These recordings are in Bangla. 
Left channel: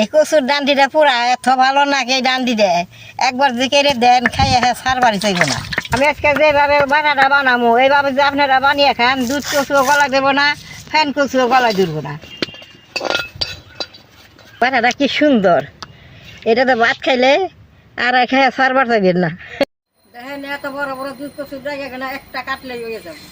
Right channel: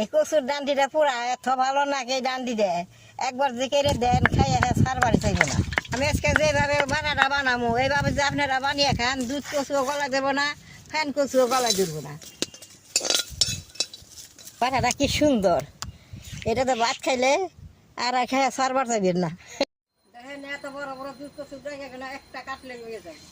এই কচুর ডান্ডিটা পুরা এত ভালো নাকি এই ডান্ডি দেয় একবার যে কেড়ে দেন খাইয়ে সার বাড়ি চাইব না। আমি আজকে যেভাবে বানাটা বানাবো এইভাবে যে আপনারা বানিয়ে খান, দুধ কচুও গলা দেবো না, ফ্যান কচুও গলায় ধরবো না। বানাটা কি সুন্দর, এটা তো ভাত খাইলে আর খাইয়া সার বার চাইবেন না। দেখেন এত বড় বড় দুধ কচুর জায়গা কেন একটা কাটলেই হয়ে যাবে।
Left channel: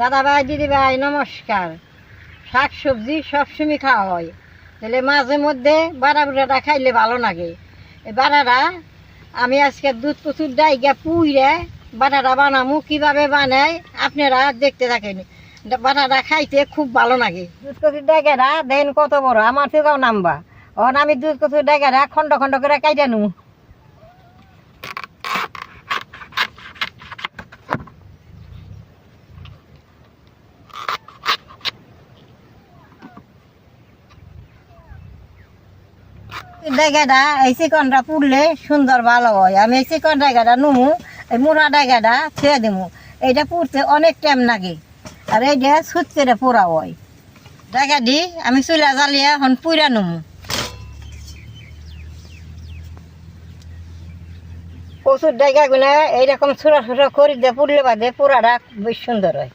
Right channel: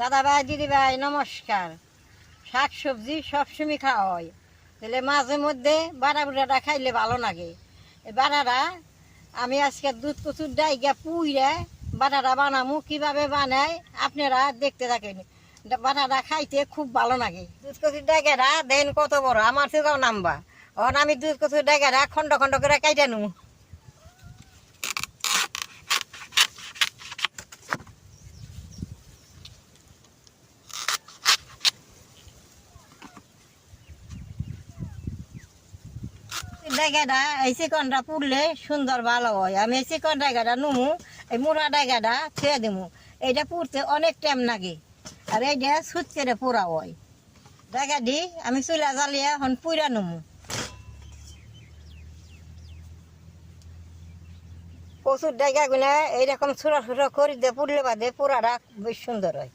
দাদা ভাই দিদি ভাই নমস্কার। শাক সবজি সবসময় খাওয়া হয়, তাহলে মাঝে মধ্যে বাড়া বুড়াটা খাইলে ভালো লাগে। এই বাড়াটা আমি আজকে দুধ কচুর ডাইগা পুইরে বাটাটা বানামু, কীভাবে বানাই আপনারা দেখতে থাকেন। বাটাটা খাইতে খুব ভালো লাগে। দুধ কচুর ডাইগাটা দেন কত বড়, আমার থেকেও নামবা। এখন আমি দুধ কচুর ডাইগাটা খন্ড খন্ড করে কাইটা নেবো। ডাইগাটা এই চিকনটা পুড়লে সুন্দর ভালো হয়। আমি এই চিকন ডাইগাটা নুমু, এই মোড়া ডাইগাটা ছেড়ে দেবো। এইটা পুড়তে অনেক টাইম লাগে, আর এইটা সুতকেটা পোড়া হয়। ডাইগা দি আমি চুলা জ্বালিয়ে এখন পুইরা নুমু। কচুর ডাইগা গুলা এইরকম ছোট ছোট করে দিয়ে পুড়লে বাদে পোড়াটা বেশ সুন্দর হয়।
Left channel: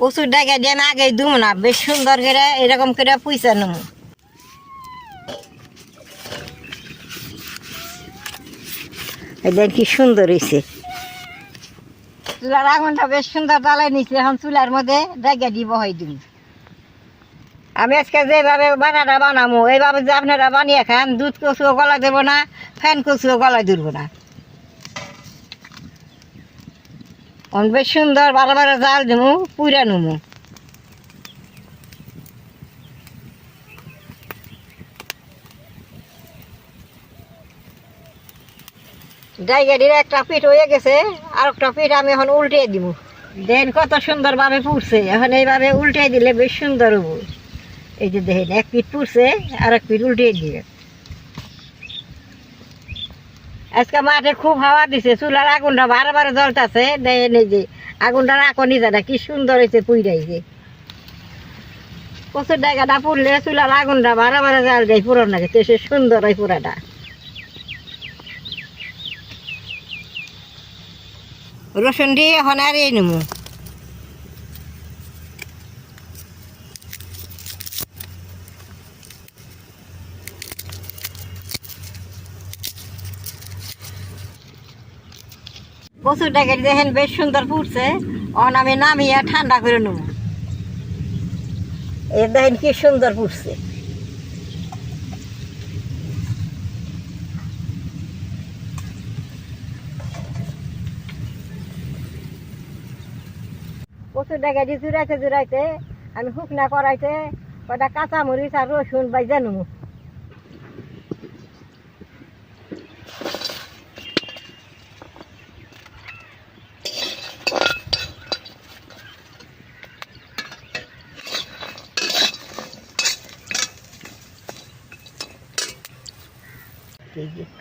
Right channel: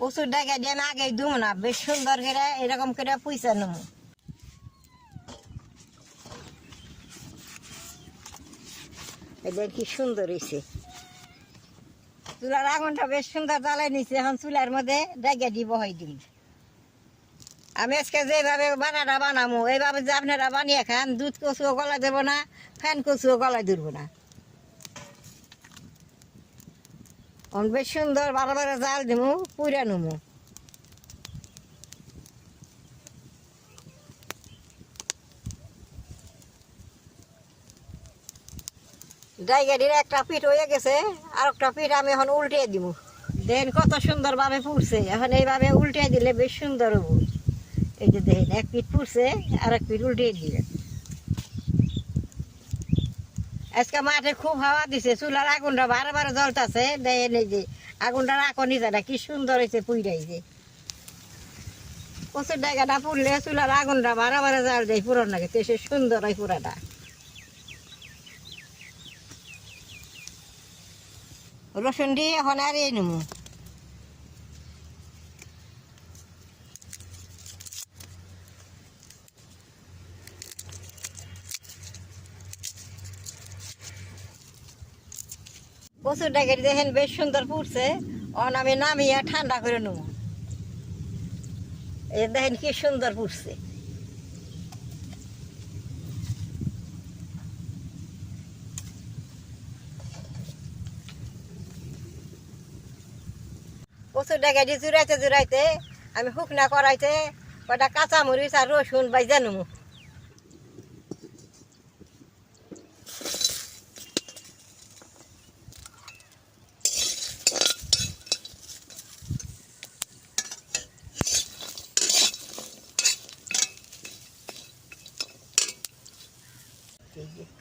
কচুর ডাইগা দিয়ে আমি আগে দুমু না, বেশ সুন্দর করে এরকম করে পুইসা নুমু। দেখেন কি সুন্দর হয়েছে। চুলার আগুনটা বেশ সুন্দর জ্বালাই নিচ্ছে, এখন চুলার মধ্যে ডাইগা দিব হয় দিব। আমি আজকে যেভাবে বানাটা বানাবো এইভাবে যে আপনারা বানিয়ে খান, দুধ কচুও গলায় দেবো না, ফ্যান কচুও গলায় ধরবো না। বেশ সুন্দর বারে বারে জাল দেবো, পুইরা নেবো। ডাইগাটির একটা পিঠ হয়ে গেছে, আর একটা পিঠ আমি এখন উল্টে দিব। দেখেন কত সুন্দরভাবে পুড়ছে, এখন এইভাবে উল্টে দিলে বেশ সুন্দর হবো। এই যে দেখেন এক পিঠ পুড়ছে, আর এক পিঠ উল্টে দিবে। আজকে মাঠে খুব হাওয়া দিছে, চুলার আগুনটা বারে বারে জ্বলতেছে। দেখেন এই যে আগুনটার আকনি যাটা কি সুন্দর হয়েছে পুইরাইছে। কচুর ডাইগাটা পুড়লে চুলার আগুনটা বারে বারে জাল দেয় পুরান লাগে, তো সে সুন্দর হয় পুরাটা। রসুন দিয়ে এখন আর এই নেবো। কচুর ডাইগাটি দেখেন বেশ সুন্দর ফুটছে, এখন আমি নামিয়ে ঠান্ডা করে নেবো। এই দেখেন কি সুন্দর ফুটছে। কচুর ডাইগাটি জুড়াইতে জুড়াইতে আমি শুকনা করাইতে কটা কাঁচামরিচ আর রসুন বাইজা নেবো।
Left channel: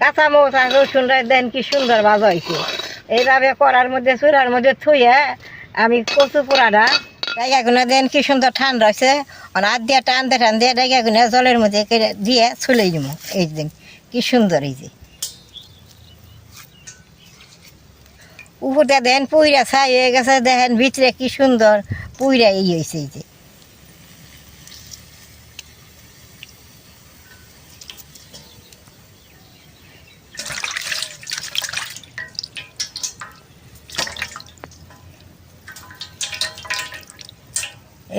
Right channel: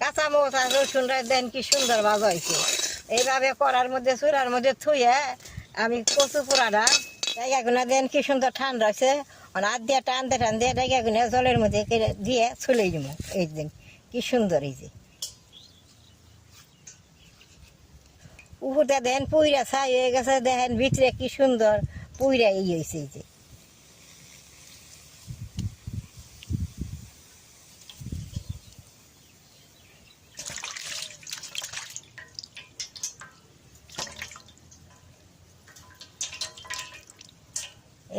কাঁচামরিচ আর রসুন দেন কি সুন্দর ভাজা হয়েছে। এইভাবে করার মধ্যে চুলার মধ্যে থুয়ে আমি কচু পোড়াটা ডাইগাগুলো দেন কি সুন্দর ঠান্ডা হয়েছে। হাত দিয়ে টানতে টানতে ডাইগাগুলো জলের মধ্যে দিয়ে চলে যাবো। এই দিন কি সুন্দর এই যে উপরটা দেন পুইরা ছাই হয়ে গেছে, দেখেন ভিতরে কি সুন্দর পুইরা এই হয়েছে।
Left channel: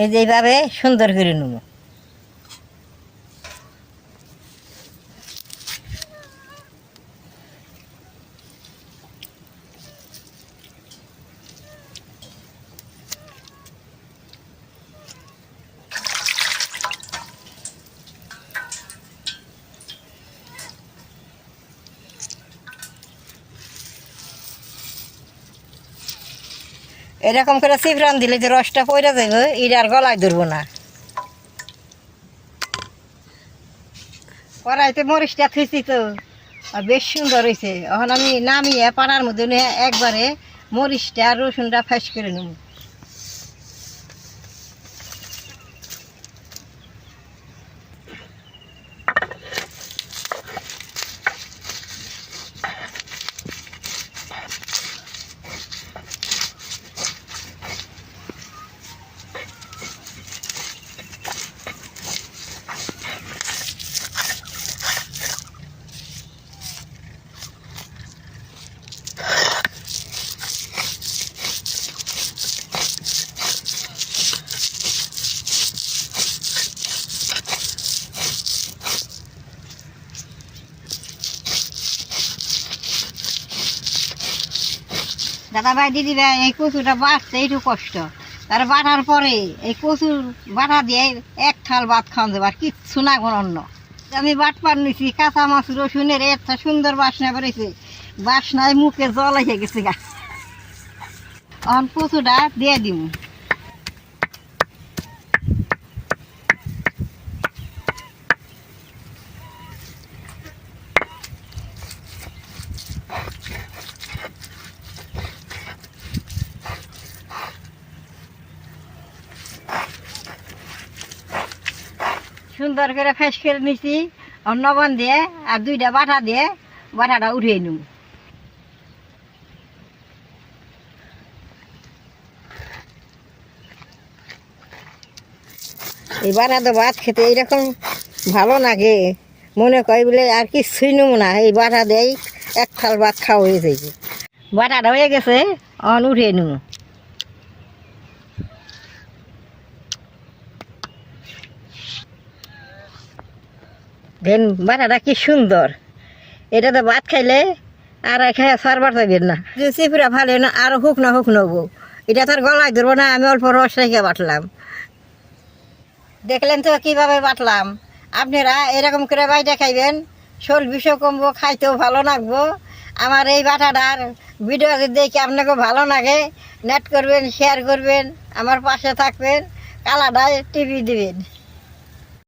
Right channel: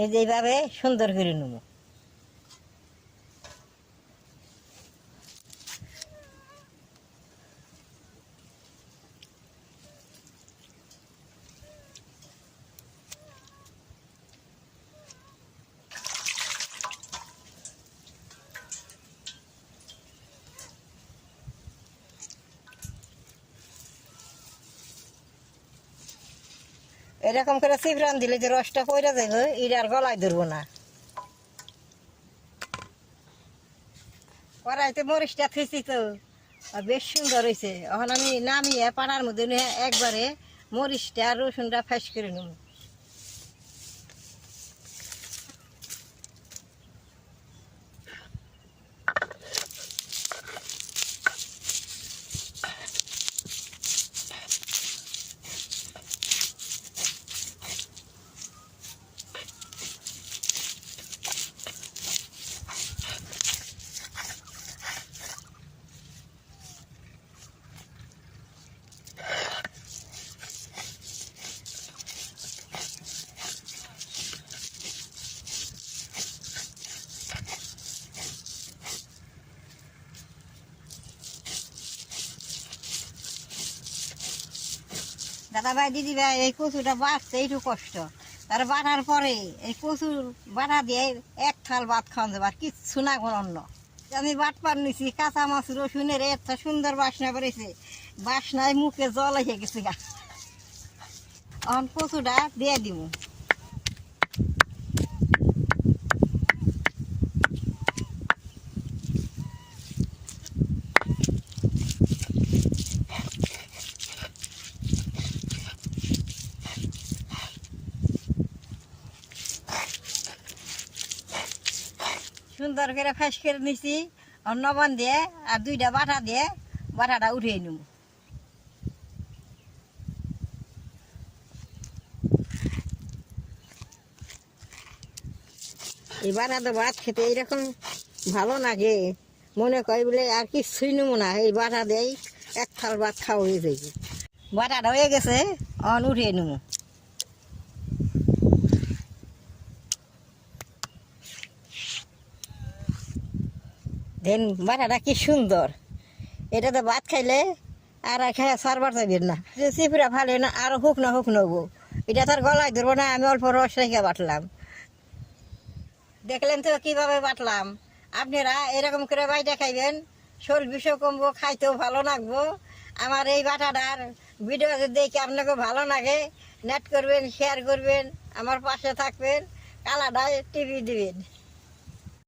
এই যে এইভাবে সুন্দর করে নেব। এরকম করে চিপরান দিলে যে রসটা পড়ে যাবে এটা আর গলায় ধরবো না। কড়াইতে মরিচটা থুইছি তো আর বেশ সুন্দর হয়েছে। এখন আমি নামিয়ে পাড়ার মধ্যে নিয়ে একবারে মরিচটা আর রসুনটা ফ্যাস করে নেব। দাদা ভাই দিদি ভাই, এই কচুটা বাটতে একটু কষ্ট, তার বাটার পরে এই কচুর বাটা দিয়ে এক থাল ভাত খাওয়া যাবে, আর কিচ্ছু না কোনো অন্য। আমি বাটপার নিছি, কাঁচা মাছ রসুনের একটা সুন্দর বাসনা বেরোইছে, বাসনায় মুখে জল এসে গেছে গা। এখন কচুটা দিয়ে দিব। সুন্দর করে ফেস করে নিছি, লবণ দিয়ে আর দুইটা বাটা দিয়ে বাটাটা উঠিয়ে নিব। এই বাটাটা ভাত খেতে এইরকম ভালো লাগে, মনে কয় বলে আর কিছুই নেব না, এই বাটা দেয় এক থাল ভাত খাওয়া হয়ে যাবে। বাটাটা হয়ে গেছে, অন উঠিয়ে নেব। দেন বাটাটা কি সুন্দর, এটা তো ভাত খাইলে আর খাই সারবার যাবেন না। চিপুরা ভালো না, আরও হুক নেবো, এটা তো আর গলায় ধরবো না, আমি অল্প রস রেখে বাটলাম। দেখলেন তো কীভাবে বাটলাম। আপনারা এরকম করে বাইটা খাইবেন, শোল বিষও কমবো, খাইতেও ভালো লাগবো। আমার এই বাটাটার ভিডিও যদি দেখে আপনাকে ভালো লাগে, নেট করবেন, শেয়ার করবেন, আমার পাশে থাকবেন, কালাটায় টিভি দিবেন।